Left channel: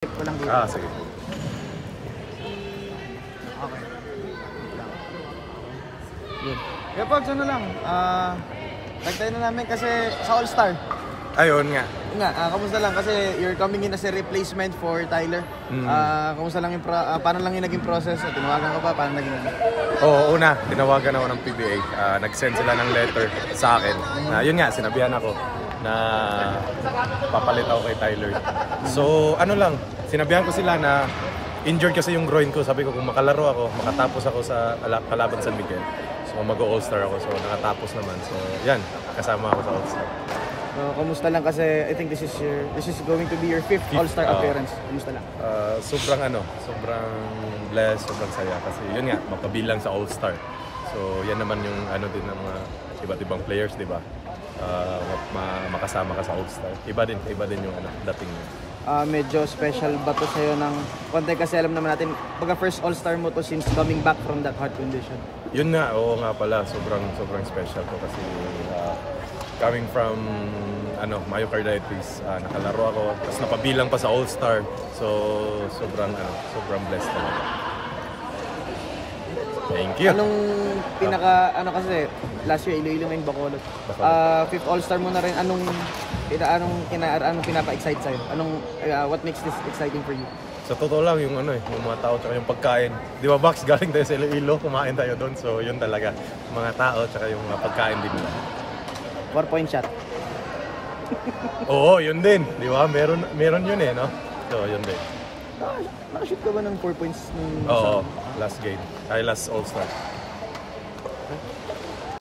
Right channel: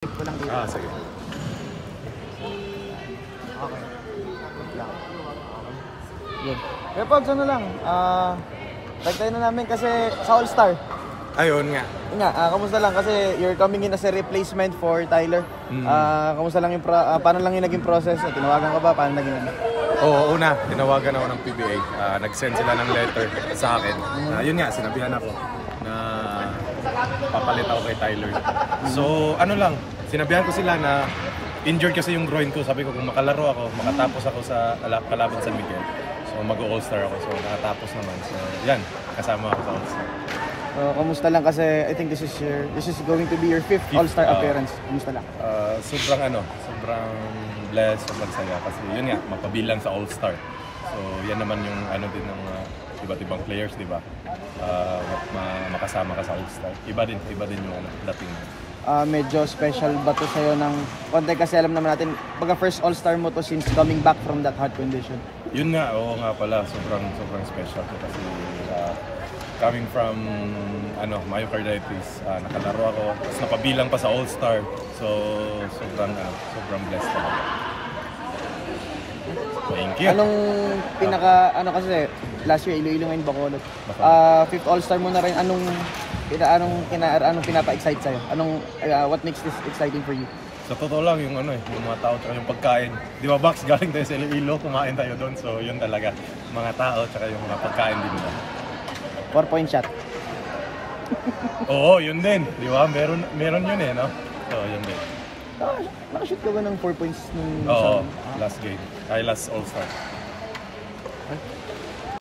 Ko lang dito. Sige. Okay. Good. Kaya Pogs, ano lang, tagtayo na namin kasi sa All-Star. Ayun nga. Yun nga, kamusta lang kasi you're coming in as a replacement for Tyler. Kamusta lang yung, paano lang yung naging process? Tinawagan ka ba? Paano naging ano? Oo, una, tinawagan ako ng PBA. Nag-send sila ng letter sa akin. Yun nga, sinabihan ako na papalit ako kay Tyler. So, ano lang, sinabihan ko sila na injured kasi yung groin ko. Sabi ko kung makalaro ako, makatapos ako sa kalaban San Miguel. So, mag-All-Star ako. So, nakatapos naman. So, yan, kasama ako sa All-Star. So, kamusta lang kasi I think this is going to be your fifth All-Star appearance. Kamusta lang? Sobrang blessed, sobrang saya kasi yun nga, magpabilang sa All-Star. So, yan naman yung ano din ng mga iba't ibang players, di ba? Makasama ka sa All-Star. Iba din yung dating mo. Medyo special ba to sa'yo ng konti kasi alam naman natin, pagka first All-Star mo to since coming back from that heart condition. Yun nga, oo nga pala, sobrang special to kasi coming from myocarditis, nakalaro ako, tapos napabilang pa sa All-Star. So, sobrang blessed talaga. Thank you. Anong kasi last year Iloilo ngayon Bacolod. Fifth All-Star mo na rin, anong pinapa-excite sa'yo? What makes this exciting for you? Sa totoo lang yung yung mga tao tsaka yung pagkain. Di ba Bax, galing tayo sa Iloilo, kumain tayo doon. So yun talaga, mga tao tsaka yung mga pagkain din nila. 4-point shot. Oo, yun din. Di ba? Meron yun no? So yun din. Nakashoot ka ba ng 4 points? Oo, last game. Last All-Star.